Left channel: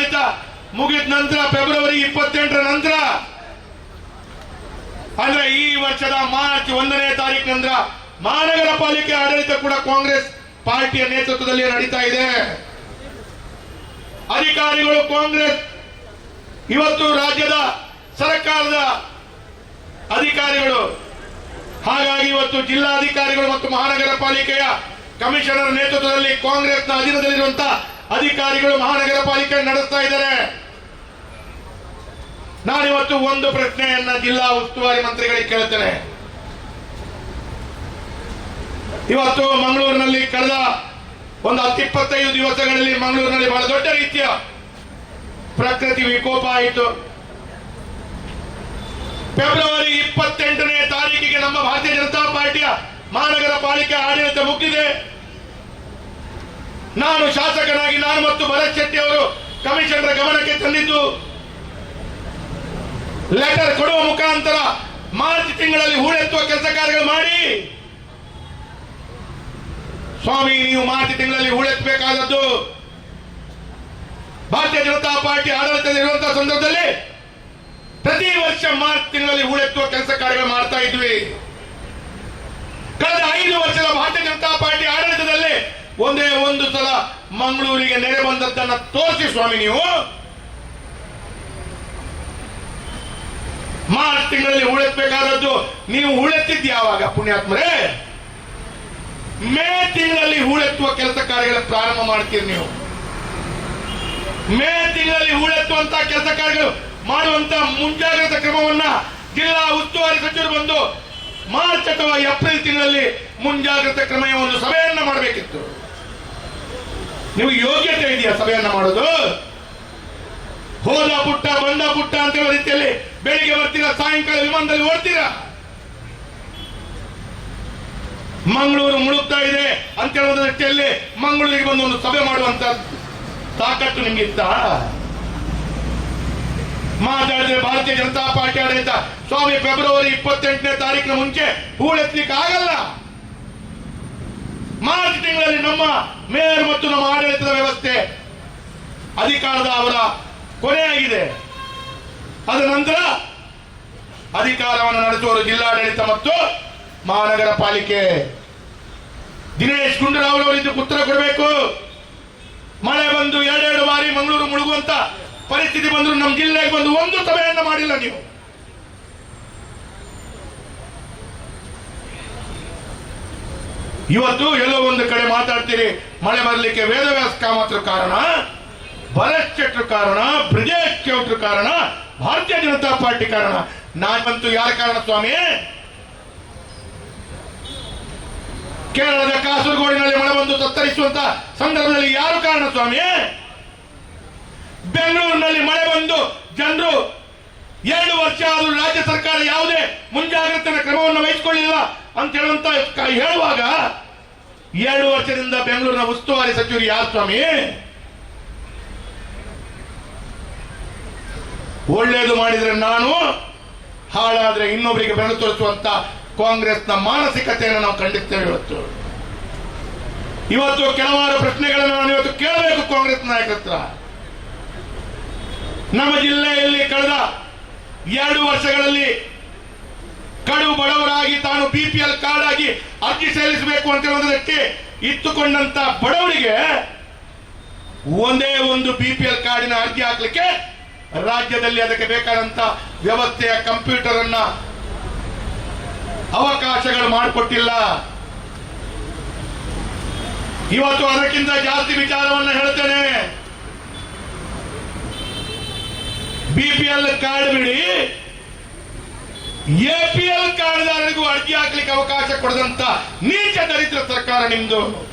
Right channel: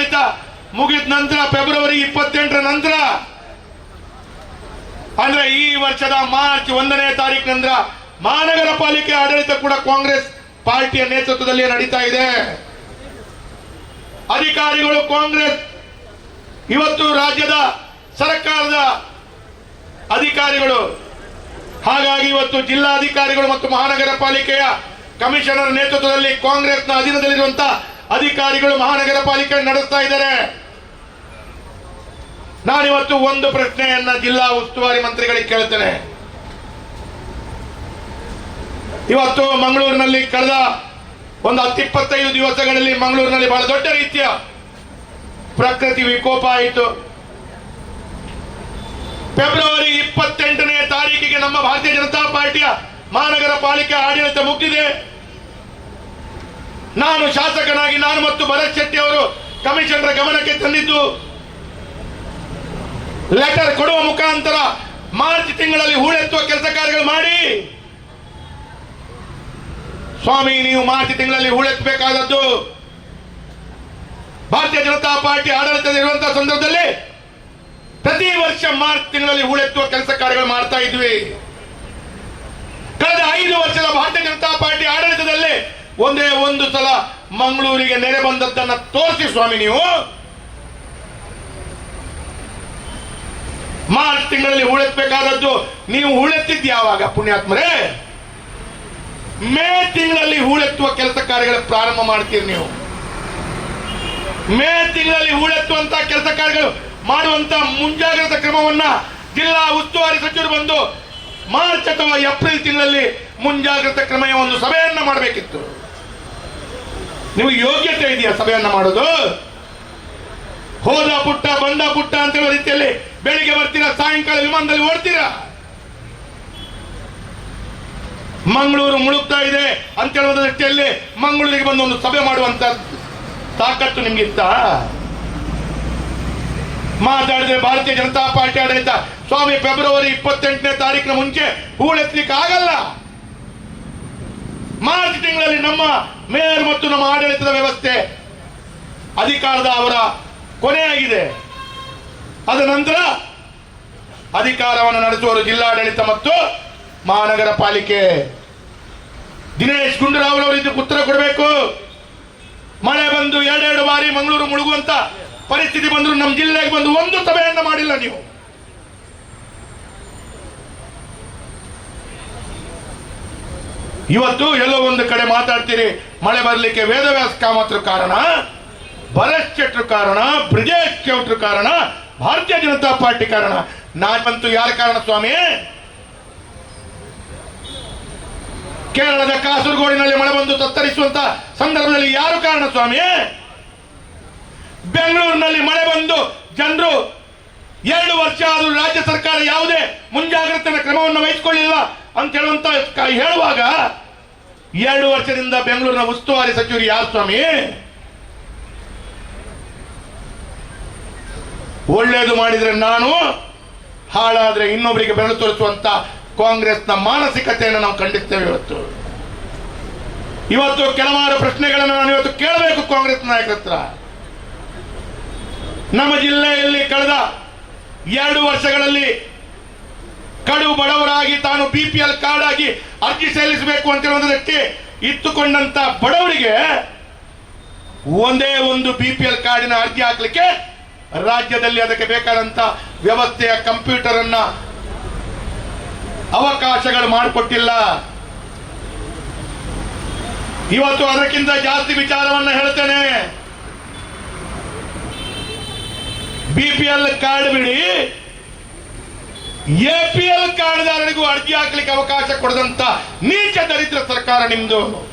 ಆಡಳಿತ ಮುಗಿದ ನಂತರ, ಫೆಬ್ರವರಿ ಇಪ್ಪತ್ತೆಂಟರ ನಂತರ, ಅಂದ್ರೆ ಈ ವರ್ಷದ ಮಾರ್ಚ್ ಒಂದನೇ ತಾರೀಕು ನಂತರ ಮಹಾನಗರ ಪಾಲಿಕೆ ಆಡಳಿತ ಕೂಡ ಕಾಂಗ್ರೆಸ್ ಪಾರ್ಟಿಯ ನೇತೃತ್ವದಲ್ಲಿ ನಡೀತಾ ಇದೆ. ಅಧಿಕಾರಿಗಳು ಕಾಂಗ್ರೆಸ್, ಇವತ್ತು ರಾಜ್ಯದ ಸರ್ಕಾರದ ಅಧಿಕಾರಿಗಳು, ಹಾಗಾಗಿ ಇವತ್ತು ಜಿಲ್ಲಾಧಿಕಾರಿಗಳು ಮತ್ತು ಮಹಾನಗರ ಪಾಲಿಕೆಯ ಕಮಿಷನರ್ ನೇತೃತ್ವದಲ್ಲಿ ಕಾಂಗ್ರೆಸ್ನ ಅಧೀನದಲ್ಲಿರುವಂತಹ ಅಧಿಕಾರಿಗಳು ಮಹಾನಗರ ಪಾಲಿಕೆ ನಡೆಸ್ತಾ ಇದ್ದಾರೆ. ನಾನಿವತ್ತು ಒಂದು ಪ್ರಶ್ನೆಯನ್ನ ಜಿಲ್ಲಾ ಉಸ್ತುವಾರಿ ಮಂತ್ರಿಗಳಿಗೆ ಕೇಳ್ತೇನೆ. ಇವತ್ತು ಮಂಗಳೂರಿನಲ್ಲಿ ಕಳೆದ ಒಂದು ಹತ್ತಿಪ್ಪತ್ತೈದು ದಿವಸಗಳಲ್ಲಿ ಮಂಗಳೂರಿನಲ್ಲಿ ಬಹಳ ದೊಡ್ಡ ರೀತಿಯ ಪ್ರಕೃತಿ ವಿಕೋಪ ಆಯಿತು. ಫೆಬ್ರವರಿ ಇಪ್ಪತ್ತೆಂಟನೇ ತಾರೀಕಿಗೆ ನಮ್ಮ ಭಾರತೀಯ ಜನತಾ ಪಾರ್ಟಿಯ ಮಹಾನಗರ ಪಾಲಿಕೆ ಆಡಳಿತ ಮುಗಿದಿದೆ. ನಾನು ಶಾಸಕನಾಗಿ ನಾನು ಮತ್ತು ಭರತ್ ಶೆಟ್ಟಿ ಅವರು ಕಮಿಷನರ್ ಗಮನಕ್ಕೆ ತಂದಿದ್ದು ಲೆಟರ್ ಕೊಡುವ ಮುಖಾಂತರ ಮಾರ್ಚ್ ತಿಂಗಳಲ್ಲಿ ಹೂಳೆತ್ತುವ ಕೆಲಸ ಕಾರ್ಯಗಳು ಮಾಡಿ. ಸ್ವಾಮಿ, ನೀವು ಮಾರ್ಚ್ ತಿಂಗಳಲ್ಲಿ ಹೂಳೆತ್ತಬೇಕಾದದ್ದು ಭಾರತೀಯ ಜನತಾ ಪಾರ್ಟಿ ಆಡಳಿತದಲ್ಲಿರುವಂತಹ ಸಂದರ್ಭದಲ್ಲಿ ಪ್ರತಿ ವರ್ಷ ಮಾರ್ಚ್ ತಿಂಗಳಲ್ಲಿ ಹೂಳೆತ್ತುವ ಕೆಲಸ ಕಾರ್ಯಗಳು ಮಾಡ್ತಾ ಇದ್ವಿ. ಕಳೆದ ಐದು ವರ್ಷದ ಭಾರತೀಯ ಜನತಾ ಪಾರ್ಟಿ ಒಂದೇ ಒಂದು ಸಲ ಮಂಗಳೂರಿಗೆ ನೆರೆ ಬಂದದ್ದನ್ನ ತೋರಿಸಿ ಸ್ವಾಮಿ ನೀವು. ಮಾರ್ಚ್ ತಿಂಗಳಲ್ಲಿ ಹೂಳೆತ್ತಬೇಕಾದದ್ದು ನೀವು ಹೂಳೆತ್ತಿದ್ದು ಯಾವಾಗ ಪುಣ್ಯಾತ್ಮರೇ? ಮೇ ತಿಂಗಳಲ್ಲಿ ಹೂಳೆತ್ತುವ ಕೆಲಸ ಕಾರ್ಯಗಳ ಪ್ರಾರಂಭ ಮಾಡ್ತೀರಿ ನೀವು. ಮೇ ತಿಂಗಳಲ್ಲಿ ಹೂಳೆತ್ತುವಂತ ಕೆಲಸ ಕಾರ್ಯಗಳು ಮಾಡುವಂತ ಮುಂಜಾಗ್ರತಾ ಕ್ರಮವನ್ನ ಜಿಲ್ಲಾ ಉಸ್ತುವಾರಿ ಸಚಿವರು ಬಂದು ಮಾರ್ಚ್ ಅಥವಾ ಏಪ್ರಿಲ್ ತಿಂಗಳಲ್ಲಿ ಮುಂಜಾಗ್ರತಾ ಕ್ರಮ ಒಂದು ಸಭೆಯನ್ನ ಮಾಡಬೇಕಿತ್ತು. ನಿಮಗೆ ಯೋಗ್ಯತೆ ಇದೆಯಾ ಸಭೆಯನ್ನು ಮಾಡೋದು ಹೋದ ಪುಟ್ಟ, ಬಂದ ಪುಟ್ಟ ಅಂತ ಹೇಳೋ ರೀತಿಯಲ್ಲಿ ಬೆಳಿಗ್ಗೆ ಬರ್ತೀರಾ, ಸಾಯಂಕಾಲ ವಿಮಾನದಲ್ಲಿ ಓಡ್ತೀರಾ? ಮಂಗಳೂರು ಮುಳುಗ್ತಾ ಇದೆ ಅಂತ ಹೇಳುವ ದೃಷ್ಟಿಯಲ್ಲಿ ಮಂಗಳೂರಿಗೆ ಬಂದು ಒಂದು ಸಭೆ ಮಾಡುವಂತ ತಾಕತ್ತು ನಿಮ್ಗಿತ್ತ? ಮಾತಾಡಿದ್ರೆ ಭಾರತೀಯ ಜನತಾ ಪಾರ್ಟಿ ಆಡಳಿತ. ಸ್ವಾಮಿ ಫೆಬ್ರವರಿ ಇಪ್ಪತ್ತೆಂಟನೇ ತಾರೀಕಿನ ಮುಂಚೆ ಹೂಳೆತ್ತಲಿಕ್ಕೆ ಆಗಲ್ಲ ಮಾರ್ಚ್ ತಿಂಗಳಲ್ಲಿ ನಮ್ಮ ಮೇಯರ್ ಮತ್ತು ನಮ್ಮ ಆಡಳಿತದ ವ್ಯವಸ್ಥೆ ಅಧಿಕಾರದ ಅವರ ಕೊನೆಯಾಗಿದೆ. ಅದ ನಂತರ ಅಧಿಕಾರವನ್ನು ನಡೆಸುವವರು ಜಿಲ್ಲಾಡಳಿತ ಮತ್ತು ಮಹಾನಗರ ಪಾಲಿಕೆ. ದಿನೇಶ್ ಗುಂಡೂರಾವ್ ಅವರಿದ್ದು ಉತ್ತರ ಕೊಡಬೇಕು. ಮಳೆ ಬಂದು ಎರಡೆರಡು ಬಾರಿ ಮಂಗಳೂರು ಮುಳುಗುವಂತ ಪರಿಸ್ಥಿತಿ ಬಂದ್ರು ನಮ್ಮ ಜಿಲ್ಲೆಗೆ ಬಂದು ಒಂದು ಸಭೆಯನ್ನ ಮಾಡಿಲ್ಲ ನೀವು. ಇವತ್ತು ಎಲ್ಲೋ ಒಂದು ಕಡೆ ಮಾತಾಡ್ತೀರಿ, ಮಳೆ ಬರಲಿಕ್ಕೆ ವೇದವ್ಯಾಸ ಕಾಮತ್ರ ಕಾರಣ ಬಲಶ್ಚಟ್ರ ಕಾರಣ, ಬ್ರಿಜೇಶ್ ಚೌಟ್ರು ಕಾರಣ, ಭಾರತೀಯ ಜನತಾ ಪಾರ್ಟಿ ಕಾರಣ. ನಾನಂತೂ ಯಾರ ಕಾರಣ ಸ್ವಾಮಿ? ಕೇರಳದ ಕಾಸರಗೋಡಿನಲ್ಲಿ ಮಳೆ ಬಂದು ತತ್ತರಿಸುವಂತ ಸಂದರ್ಭದಲ್ಲಿ ಯಾರು ಕಾರಣ ಸ್ವಾಮಿ? ಬೆಂಗಳೂರಿನಲ್ಲಿ ಮಳೆ ಬಂದು ಜನರು ಎರಡು ವರ್ಷ ಆದರೂ ರಾಜ್ಯ ಸರ್ಕಾರ ಯಾವುದೇ ಮುಂಜಾಗ್ರತೆಯ ಕ್ರಮವನ್ನು ವಹಿಸಿಕೊಳ್ಳಿಲ್ಲ ಅಂತ ಹೇಳುವಂತ ಹೇಳುವಾಗ ಎರಡು ವರ್ಷದಿಂದ ಬೆಂಗಳೂರಿನ ಉಸ್ತುವಾರಿ ಸಚಿವರು ಯಾರು ಸ್ವಾಮಿ? ಒಳ್ಳೇದು ಮಾಡಿದ್ರೆ ನಾನು, ಹಾಳಾದ್ರೆ ಇನ್ನೊಬ್ಬರಿಗೆ ಬೆರಳು ತೋರಿಸುವಂತ ಕಾಂಗ್ರೆಸ್ನ ಮಾನಸಿಕತೆಯನ್ನು ನಾವು ಖಂಡಿಸ್ತೇವೆ ಇವತ್ತು. ಇವತ್ತು ಕೆಲವಾರು ಪ್ರಶ್ನೆಗಳನ್ನು ನಾನು ಇವತ್ತು ಕೇಳಬೇಕು ಕಾಂಗ್ರೆಸ್ ನಾಯಕರ ಹತ್ರ. ನಮ್ಮ ಜಿಲ್ಲೆಯಲ್ಲಿ ಕಳೆದ ಎರಡು ವರ್ಷಗಳಲ್ಲಿ ಕಡು ಬಡವರಾಗಿ ತಾನು ಬಿ ಪಿ ಎಲ್ ಕಾರ್ಡ್ ಆಗಿ ಅರ್ಜಿ ಸಲ್ಲಿಸಬೇಕು ಅಂತ ಹೇಳುವುದಕ್ಕೆ ಇತ್ತುಕೊಂಡಂತ ಬಡವರಿಗೆ ಒಂದೇ ಒಂದು ಬಿ ಪಿ ಎಲ್ ಕಾರ್ಡಿನ ಅರ್ಜಿ ಹಾಕ್ಲಿಕ್ಕೆ ರಾಜ್ಯದಲ್ಲಿ ಅದಕ್ಕೆ ಬೇಕಾದಂತ ವ್ಯವಸ್ಥೆಯ ಕಂಪ್ಯೂಟರ್ ಅನ್ನ ಅವಕಾಶಗಳು ಮಾಡಿಕೊಟ್ಟಿಲ್ಲ. ಇವತ್ತು ಅದಕ್ಕಿಂತ ಜಾಸ್ತಿ ವಿಚಾರವನ್ನು ಹೇಳ್ತೇನೆ. ಬಿಪಿಎಲ್ ಕಾರ್ಡ್ ಬಿಡಿ. ಎಪಿಎಲ್ ಕಾರ್ಡ್ದಾರರಿಗೂ ಅರ್ಜಿ ಹಾಕ್ಲಿಕ್ಕೆ ಅವಕಾಶ ಕೊಡದಂತ ನೀಚ ದರಿದ್ರ ಸರ್ಕಾರ ನಿಮ್ದು.